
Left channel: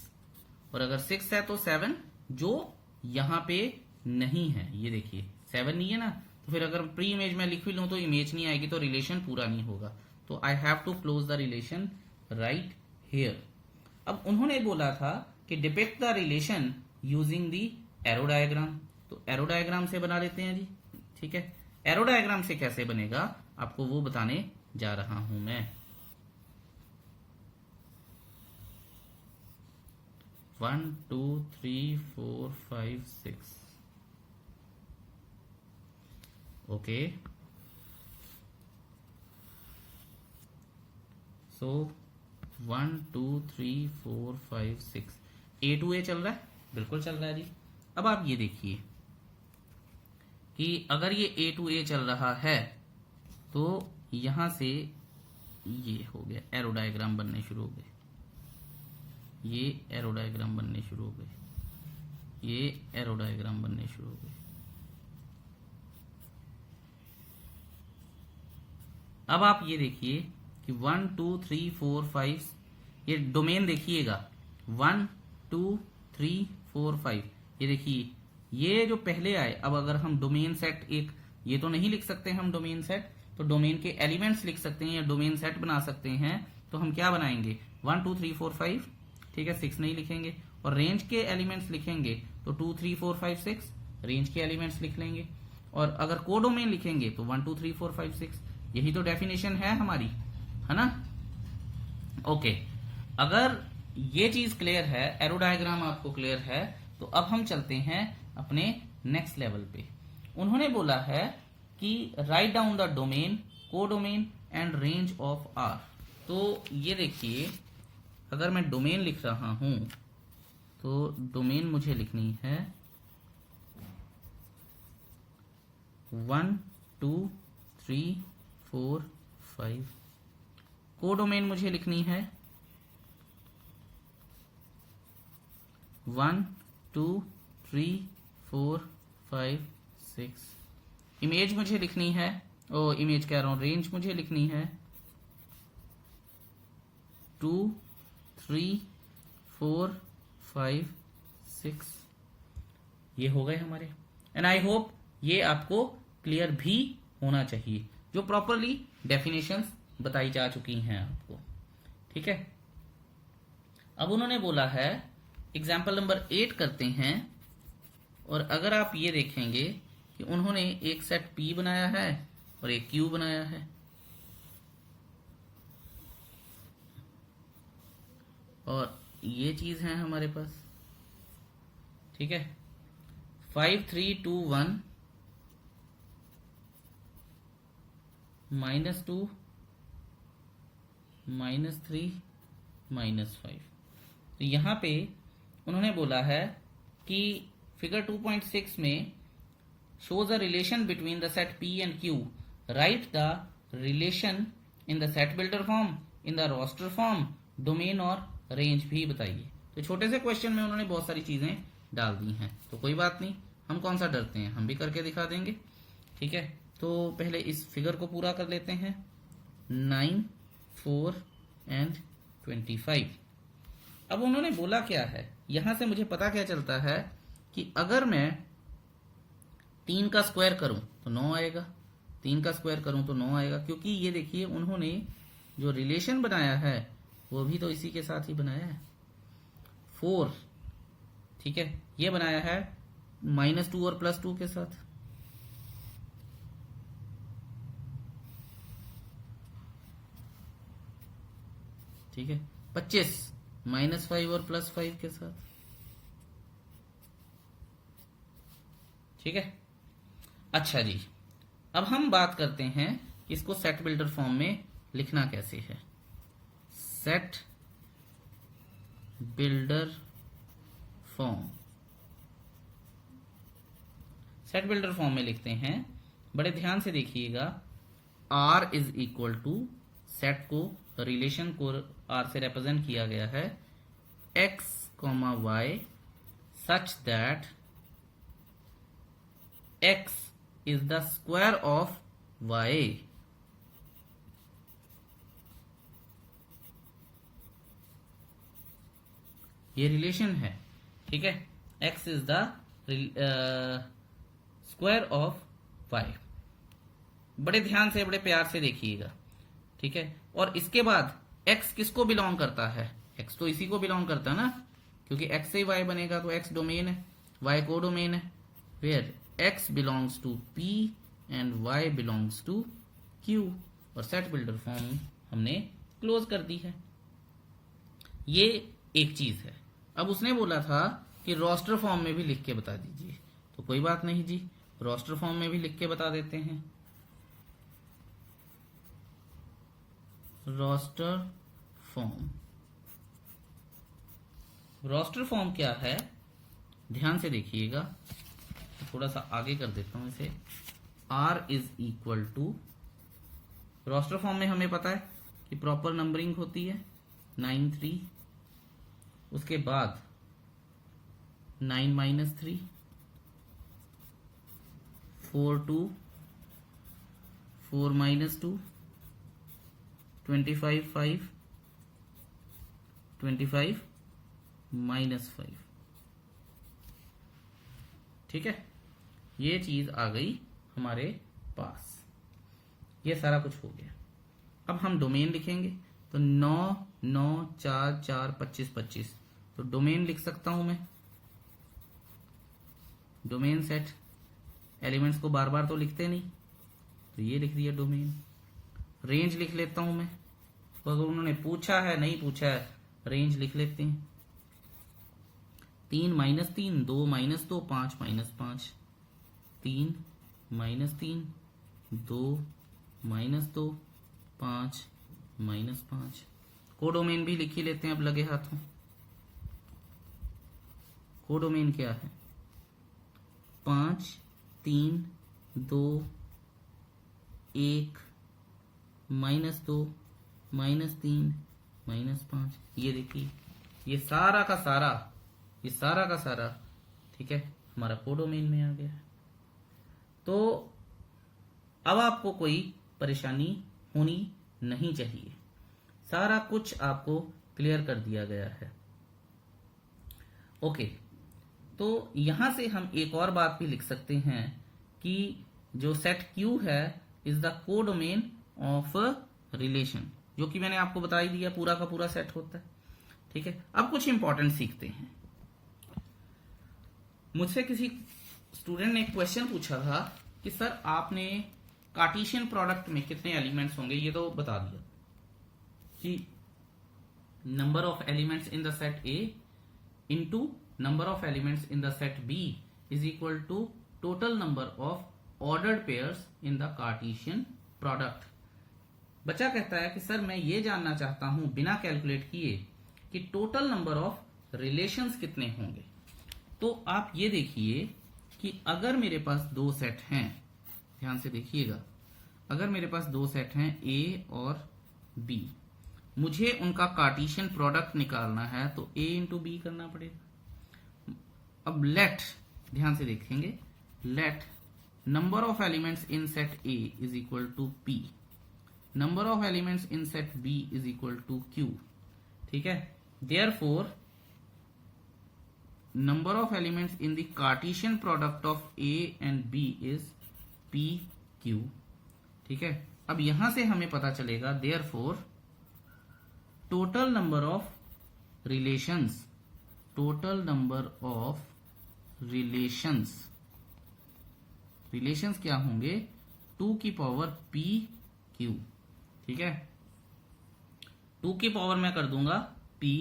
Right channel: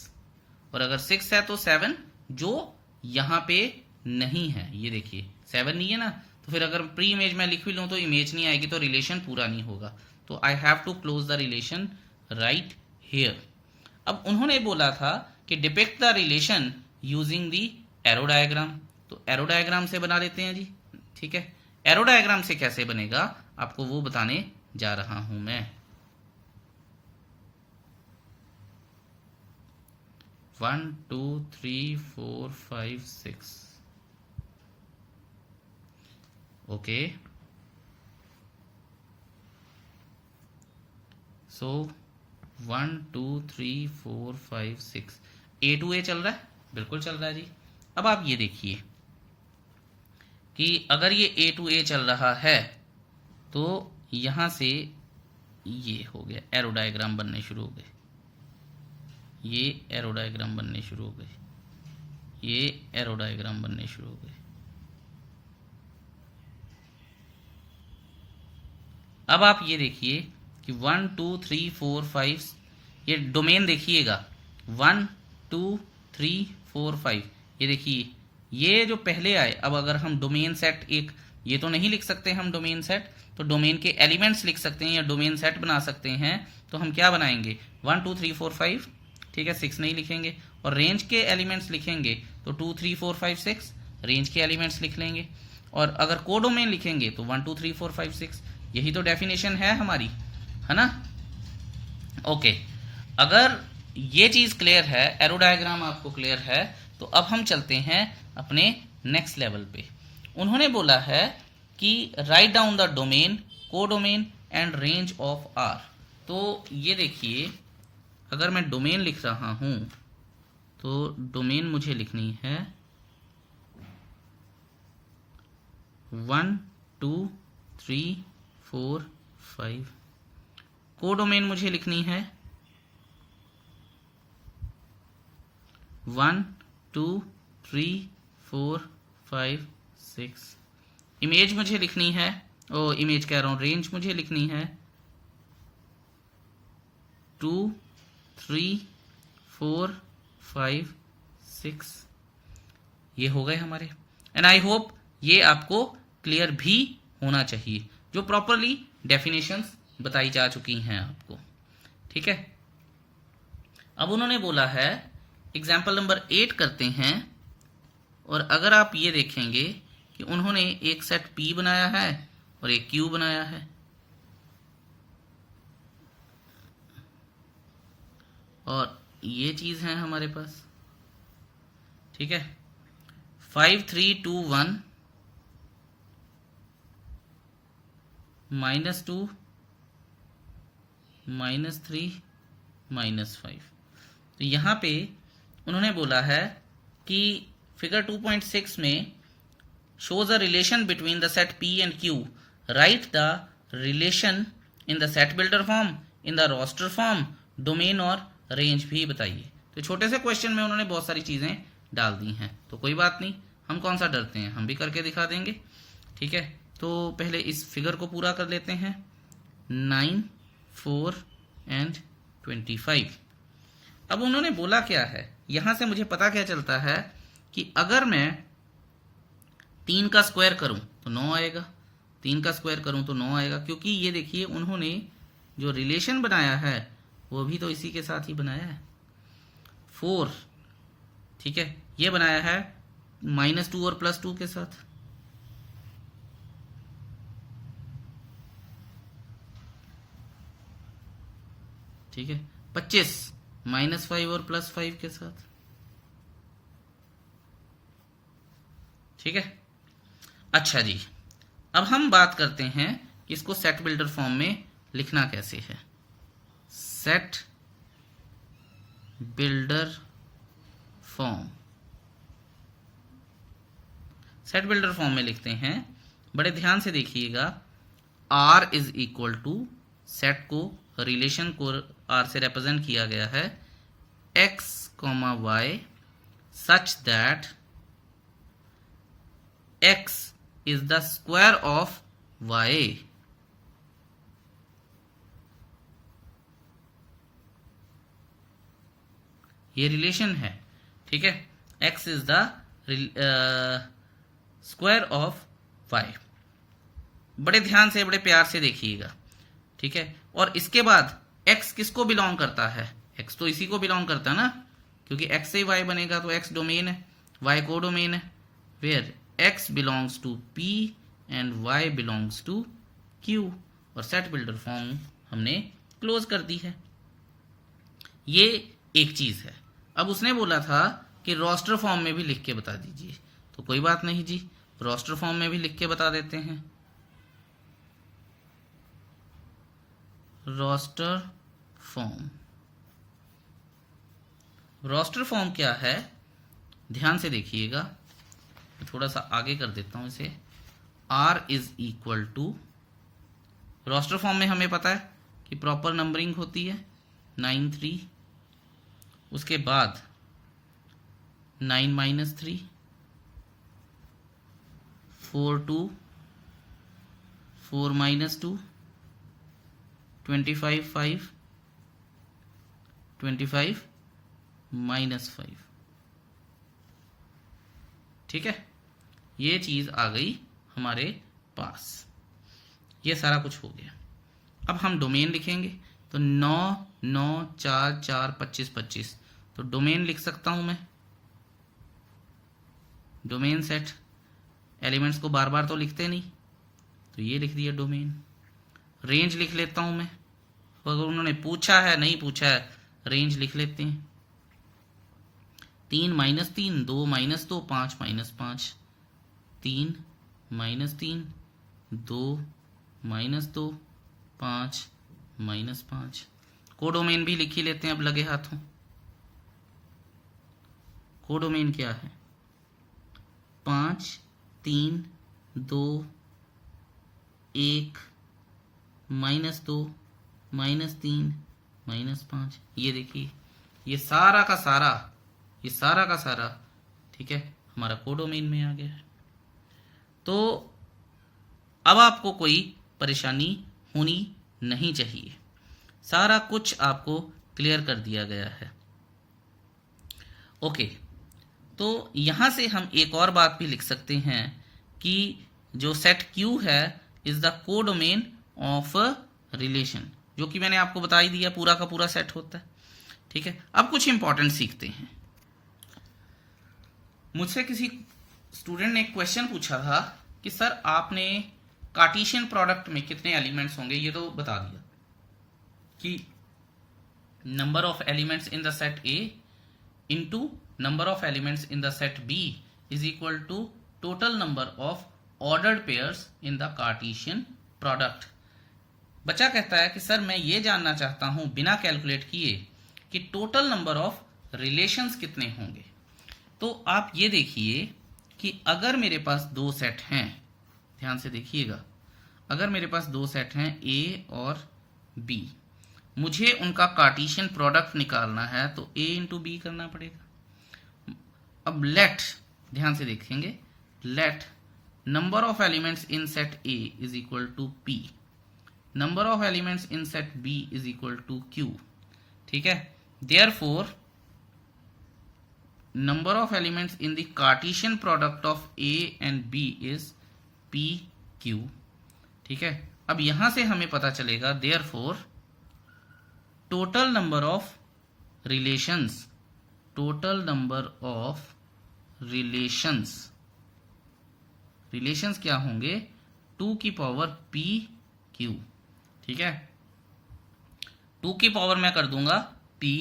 और अगर 6 है तो 7, जो यहां पे नहीं है। ये देखिए 7 नहीं है ना, तो फिर अगर प्री इमेज में लिख भी लूं तो इमेज नहीं आएगी, तो रिलेशन पूरा नहीं होगा। तो I have to close the relation right here. अब उन्होंने बोला था कि depict the relation using the arrow diagram, तो एरो डायग्राम से बना लेते हैं जी, ठीक है। एरो डायग्राम से कैसे बनेगा आपको वो बताने जा रहा हूं मैं। 1 2 3 4 5 6, ओके। सो 1 2 3 4 5 6 ए टू ए चल रहा है, बिल्कुल चल रहा है जी। अब आप ये देखिए कि अगर ये ए टू ए चल रहा है तो यहां से ये हो गया, एरो डायग्राम बनने शुरू हो गए, ये एरो डायग्राम बनने शुरू हो गए, ये एरो डायग्राम बनने शुरू हो गए। अब आप ये देखिए कि 1 2 3 4 5, ये डोमेन देखिएगा 1 2 3 4 5, ये देखिए ये जो पहले आए। अब अगर हम डोमेन सेट एक, ये तो नहीं लिख सकते हम डोमेन सेट, तो डोमेन के एलिमेंट्स लिख सकते हैं या डोमेन सेट बना सकते हैं। तो हम क्या बनाएंगे 1 2 3 4 5, ठीक है, 6 नहीं लिखेंगे। और रेंज के एलिमेंट्स लिखेंगे तो 2 3 4 5 6 रेंज के एलिमेंट्स लिख लेंगे। और अगर कोडोमेन लिखेंगे तो 1 2 3 4 5 6, यही तो डेफिनेशन है हमारी, है ना। ओके, अगर ये चीज क्लियर है, एरो डायग्राम आपको क्लियर है, तो अब हम चलते हैं अपने नेक्स्ट लेवल पे। उन्होंने बोला है कि write down the domain, codomain and range of R. तो ये देखिए, अगर मैं डोमेन लिख रहा हूं तो डोमेन मुझे लिखनी है 1 2 3 4 5। कोडोमेन मुझे लिखनी है 1 2 3 4 5 6। इमेज मुझे लिखनी है, इमेज कह रहा हूं, रेंज मुझे लिखनी है 2 3 4 5 6। ये हो गए हमारे। एंड आई होप ये आपको क्लियर भी होना चाहिए, जो प्रॉपरली डेफिनेशंस बताई जा चुकी हैं आपको, ठीक है। अब उन्होंने बोला है एग्जाम्पल नंबर 8 करते हैं। और अगर आप ये देखेंगे कि उन्होंने एक सेट P बनाया है और एक Q बनाया है, और ये चीज है हमारे पास, ठीक है। 5 3 2 1 -2 -3 -5। तो यहां पे उन्होंने बोला है कि फिगर 2.6 में shows a relation between the set P and Q. Write the relation in the set builder form, in the roster form, domain और range भी बताइए। तो छोटे से क्वेश्चन में उन्होंने बहुत सारी चीजें डाल दी हैं, तो कोई बात नहीं, हम कौन सा डरते हैं, हम भी करके दिखा देंगे, ठीक है। तो पहले इस फिगर को पूरा कर लेते हैं, 9 4 एंड 25। अब उन्होंने बोला क्या है, यहां से मुझे पता क्या चलता है कि अगर मैं 3 का स्क्वायर करूं तो 9 आएगा, 3 का स्क्वायर करूं तो 9 आएगा, क्योंकि ये देखिए उन्होंने जो रिलेशन बनाया है वो भी तो इसी के साथ ही बनाया है, 4, ठीक है। ये बनाया है -2 और +2 के साथ, ठीक है। 25 -5 और +5 के साथ, ठीक है। अच्छा जी, अब हम बात करते हैं कि इसको सेट बिल्डर फॉर्म में लिखना कैसे है। Set builder form, set builder form में लिखते हैं, बड़े ध्यान से देखिएगा। R is equal to, set को, रिलेशन को R से रिप्रेजेंट किया गया है, x, y such that x is the square of y। ये रिलेशन है, ठीक है। x is the square of y। बड़े ध्यान से, बड़े प्यार से देखिएगा, ठीक है। और इसके बाद x किसको बिलोंग करता है, x तो इसी को बिलोंग करता है ना, क्योंकि x से y बनेगा तो x डोमेन है, y को डोमेन है, where x belongs to P and y belongs to Q। और सेट बिल्डर फॉर्म हमने क्लोज कर दी है। ये एक चीज है। अब उसने बोला था कि रोस्टर फॉर्म में भी लिख के बता दीजिए, तो कोई बात नहीं जी, रोस्टर फॉर्म में भी लिख के बता देते हैं। रोस्टर फॉर्म, रोस्टर फॉर्म क्या है, ध्यान से देखिएगा, थोड़ा सा आगे कर देता हूं इसे। R is equal to, roster form में हमें पता है कि प्रॉपर नंबरिंग होती है 9 3, उसके बाद 9 माइनस 3, 4 2, 4 माइनस 2, 25 5, 25 माइनस 5। ठीक है, ये चीज आ गई हमारे पास, ये सारा कुछ हो गया। अब हम डोमेन लिखेंगे, तो 9 9 4 4 25 25, तो डोमेन लिख सकता हूं मैं, डोमेन सेट। एलिमेंट्स को बार बार तो लिखते नहीं, तो ये लिख दिया डोमेन। रेंज लिख लेता हूं मैं, अगर उन्होंने पूछा है नहीं पूछा है, रेंज लिख लेते हैं। 3 minus 3, 2 minus 2, 5 minus 5, 3 minus 3, 2 minus 2, 5 minus 5। Codomain भी लिख ही लेते हैं अब लगे हाथों। कोडोमेन क्या है, 5 3 2 1 माइनस 2 माइनस 3 माइनस 5। ये देखिए, ये सारा का सारा, ये सारा का सारा, ठीक है, हमारा कोडोमेन में आ गया है। तो अब आपको कोई परेशानी होनी नहीं चाहिए, सारा कुछ आपको क्लियर कर दिया गया है। ओके, तो यहां से हम एक और बात भी लिख सकते हैं कि जो सेट क्यू है is the codomain of relation, जो कि मैंने आपको बता ही दिया, पूरा का पूरा सेट होता है। ठीक है, अब कुछ इंपॉर्टेंट सीखते हैं। मुझसे किसी स्टूडेंट ने एक क्वेश्चन पूछा था कि सर आपने कार्टेशियन प्रोडक्ट में कितने एलिमेंट्स होंगे, ये तो बता दिया कि number of elements in the set A into number of elements in the set B is equal to total number of ordered pairs in the Cartesian product. बच्चा कहता है कि सर मैं ये जानना चाहता हूं बिना कैलकुलेट किए कि टोटल नंबर ऑफ रिलेशंस कितने होंगे। तो आप ये देखिए कि अगर मेरे पास दो सेट हैं, ध्यान से देखिएगा, अगर मेरे पास दो सेट हैं ए और बी, मुझे उनका कार्टेशियन प्रोडक्ट निकालना है तो ए इंटू बी करना पड़ेगा। अब लेट, ध्यान से देखेंगे, let number of elements in set A is equal to p, number of elements in set B is equal to q. ठीक है, therefore number of elements in the Cartesian product of A and B is PQ। ठीक है, अब यहां से हमें पता चलेगा therefore total number of relations, total number of relations, relations क्या होंगे 2 की पावर PQ। ठीक है, 2 की पावर मैं कर दूंगा P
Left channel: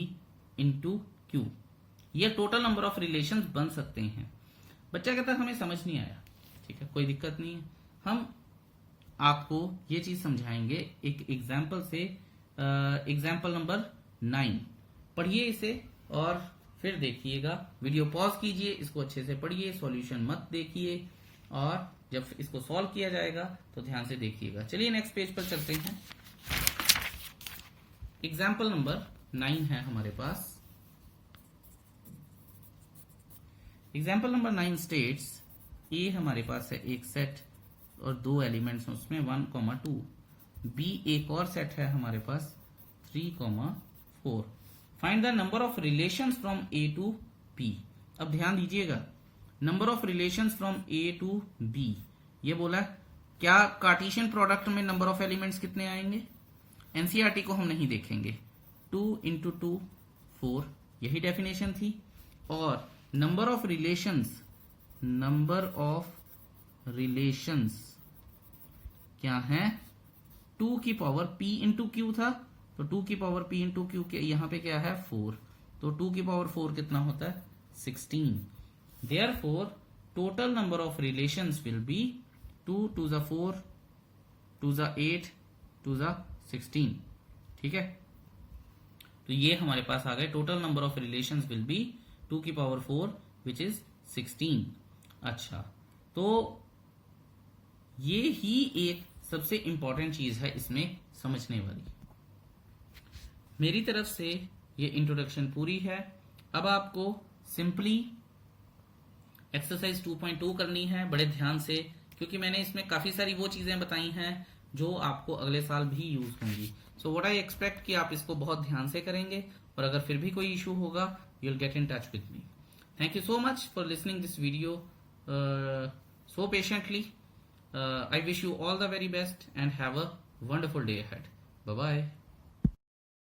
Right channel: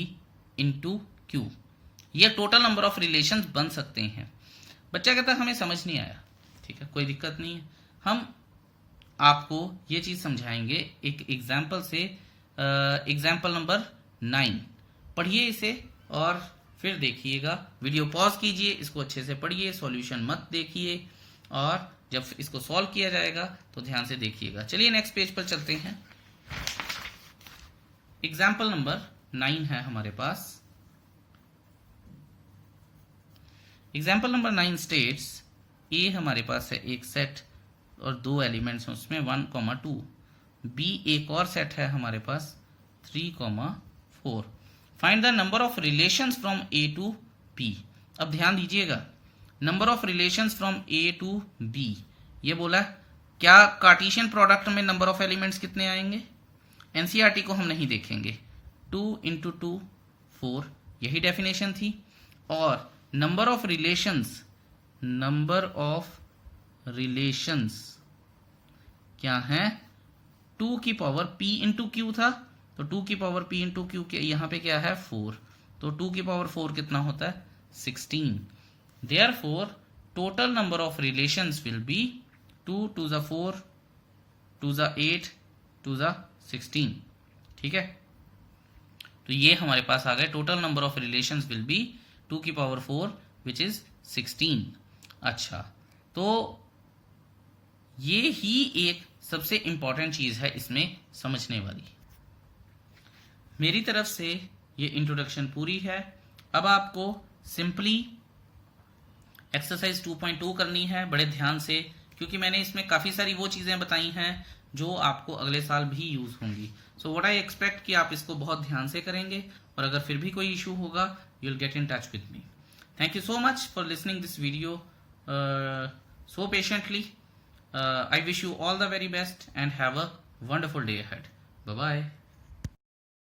इंटू Q, ये टोटल नंबर ऑफ रिलेशंस बन सकते हैं। बच्चा कहता है हमें समझ नहीं आया, ठीक है, कोई दिक्कत नहीं है, हम आपको ये चीज समझाएंगे एक एग्जाम्पल से। एग्जाम्पल नंबर 9 पढ़िए इसे और फिर देखिएगा, वीडियो पॉज कीजिए, इसको अच्छे से पढ़िए, सॉल्यूशन मत देखिए, और जब इसको सॉल्व किया जाएगा तो ध्यान से देखिएगा। चलिए नेक्स्ट पेज पर चलते हैं। एग्जाम्पल नंबर 9 है हमारे पास। एग्जाम्पल नंबर 9 स्टेट्स ए हमारे पास है एक सेट और दो एलिमेंट्स हैं उसमें 1, 2, बी एक और सेट है हमारे पास 3, 4। Find the number of relations from A to B. अब ध्यान दीजिएगा, number of relations from A to B, ये बोला क्या कार्टेशियन प्रोडक्ट में नंबर ऑफ एलिमेंट्स कितने आएंगे, एनसीईआरटी को हम नहीं देखेंगे, 2 इंटू 2 4, यही डेफिनेशन थी। और number of relations, number of relations क्या है 2 की पावर p इंटू क्यू था, तो 2 की पावर p इंटू क्यू यहां पे क्या है 4, तो 2 की पावर 4 कितना होता है 16। Therefore total number of relations will be 2 to the 4 to the 8 to the 16। ठीक है, तो ये हमारे पास आ गए total number of relations will be 2 की पावर 4 विच इज 16। अच्छा, तो ये ही एक सबसे इंपॉर्टेंट चीज है इसमें समझने वाली। मेरी तरफ से ये इंट्रोडक्शन पूरी है। अब आपको सिंपली एक्सरसाइज 2.2 करनी है बड़े ध्यान से, क्योंकि मैंने इसमें काफ़ी सारी वो चीज़ें बताई हैं जो आपको अगले साल भी यूज़ होंगी। सो व्हाट आई एक्सपेक्ट कि आप इसको बहुत ध्यान से करेंगे, और अगर फिर भी कोई इशू होगा you will get in touch with me. Thank you so much for listening this video so patiently. I wish you all the very best and have a wonderful day ahead. Bye bye.